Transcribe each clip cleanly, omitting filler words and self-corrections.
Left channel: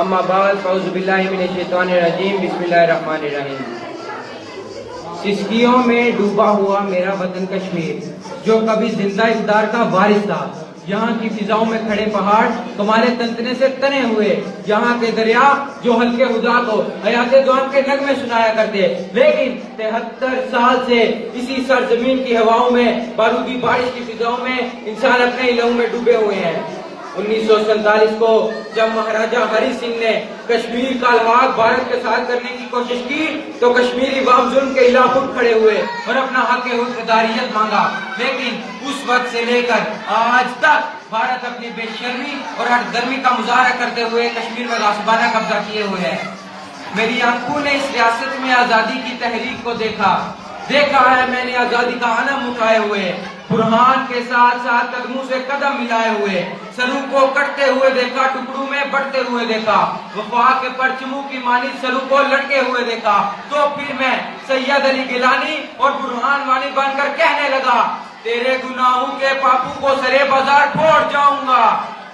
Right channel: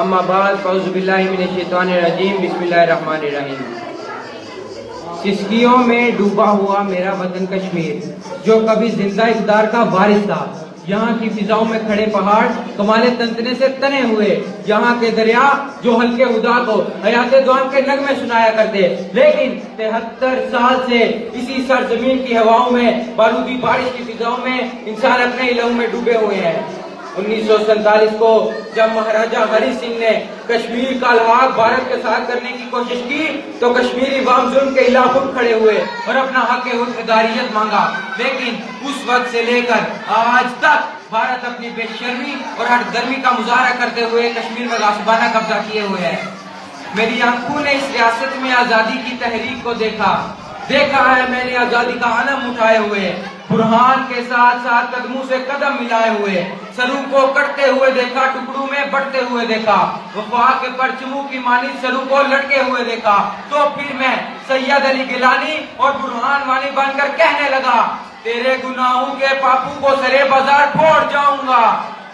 اما بعد اعوذ باللہ من الشیطان الرجیم بسم اللہ الرحمن الرحیم۔ کشتیوں میں ڈوبا ہوا میرا وطن کشمیر جو کبھی زندہ اقدار کا وارث تھا، یہاں کی فضاؤں میں کھڑے پہاڑ تمہارے تنتنے سے تنے ہوئے، یہاں کے دریا جو ہلکے ادا کو حیات دوام کے نغمے سنایا کرتے، لیکن 73 سال سے اسی سرزمین کی ہواؤں میں بالوں کی بارش کی فضاؤں میں انسان اپنے لہو میں ڈوبے ہوئے ہیں۔ 1947 کو جب مہاراجا ہری سنگھ نے کشمیر کا الحاق بھارت کے ساتھ کرنے کی کوشش کی تو کشمیری عوام ظلم کے خلاف اٹھ کھڑے ہوئے اور اپنا حق حکمرانیت مانگا، لیکن اس وقت سے لے کر آج تک بھارت اپنی بے شرمی اور ہٹ درمی کا مظاہرہ کرتے ہوئے کشمیر میں غاصبانہ قبضہ کیے ہوئے ہے۔ میری آنکھوں نے اس ریاست میں آزادی کی تحریک کو دیکھا ہے، میں نے آزادی کا علم اٹھائے ہوئے، برہان کے ساتھ ساتھ قدموں سے قدم ملائے ہوئے، سروں کو کٹتے ہوئے دیکھا، ٹکڑوں میں بڑھتے ہوئے دیکھا، وفا کے پرچموں کی مانند سروں کو لٹکے ہوئے دیکھا، تو پھر میں سید علی گیلانی اور برہان وانی بن کر کہنے لگا، تیرے گناہوں کے پاپوں کو سرے بازار پھوڑ جاؤں گا،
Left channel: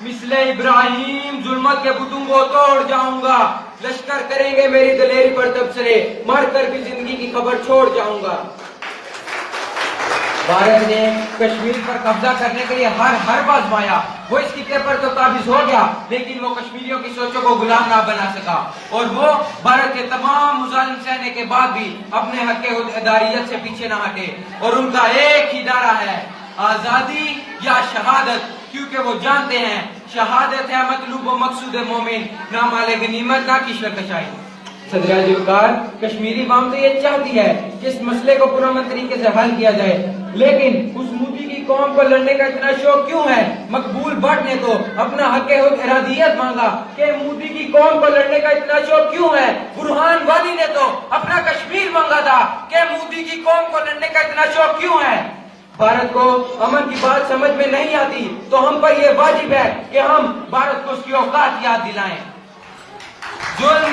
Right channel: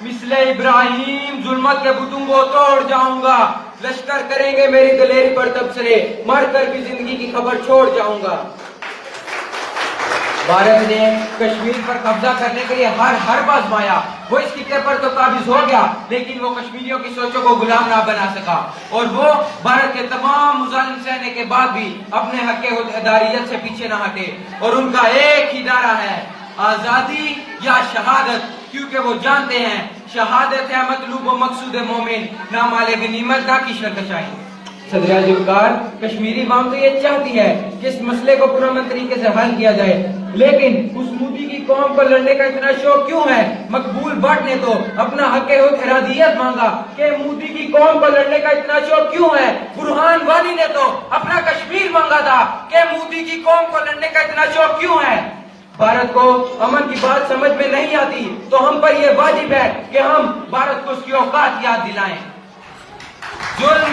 مثل ابراہیم ظلمت کے بتوں کو توڑ جاؤں گا، لشکر کریں گے میری دلیری پر تبصرے، مر کر بھی زندگی کی خبر چھوڑ جاؤں گا۔ بھارت نے کشمیر پر قبضہ کرنے کے لیے ہر آزمایا، وہ اس خطے پر تو قابض ہو گیا، لیکن وہ کشمیریوں کی سوچوں کو غلام نہ بنا سکا، اور وہ بھارت کے تمام مظالم سہنے کے بعد بھی اپنے حق اداریت سے پیچھے نہ ہٹے، اور ان کا ایک ہی نعرہ ہے، آزادی یا شہادت، کیونکہ وہ جانتے ہیں شہادت ہے مطلوب و مقصود مومن، نہ مال غنیمت نہ کشور کشائی۔ صدر اعظم کشمیری عوام تو یہ چاہتی ہے کہ اس مسئلے کو پرامن طریقے سے حل کیا جائے، لیکن اس مودی کی قوم کو لڑنے کا اتنا شوق کیوں ہے؟ مقبول بٹ نے تو اپنا حق ارادیت مانگا کہ مودی کی قوم کو لڑنے کا اتنا شوق کیوں ہے؟ برہان وانی نے تو اپنا کشمیر مانگا تھا کہ مودی کی قوم کو لڑنے کا اتنا شوق کیوں ہے؟ بھارت کو امن کی بات سمجھ میں نہیں آتی تو ہم پر یہ واجب ہے کہ ہم بھارت کو اس کی اوقات یاد دلائیں۔ ظلم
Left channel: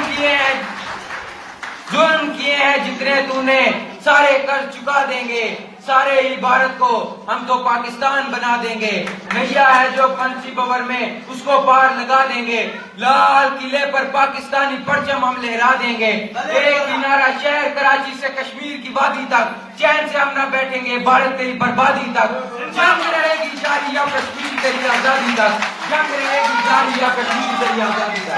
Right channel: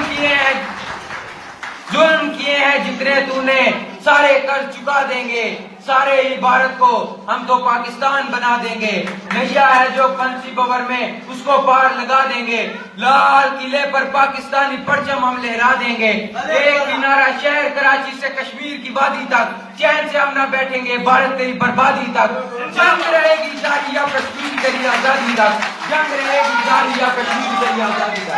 کیے ہیں جتنے تو نے سارے قرض چکا دیں گے، سارے ہی بھارت کو ہم تو پاکستان بنا دیں گے، نیا ہے جو فنسی بور میں اس کو پار لگا دیں گے، لال قلعے پر پاکستانی پرچم ہم لہرا دیں گے، ایک کنارہ شہر کراچی سے کشمیر کی وادی تک چین سے ہم نہ بیٹھیں گے، بھارت تیری بربادی تک، جنگ رہے گی جاری یا کشمیر تیری آزادی تک، جنگ رہے گی جاری یا کشمیر تیری آزادی تک۔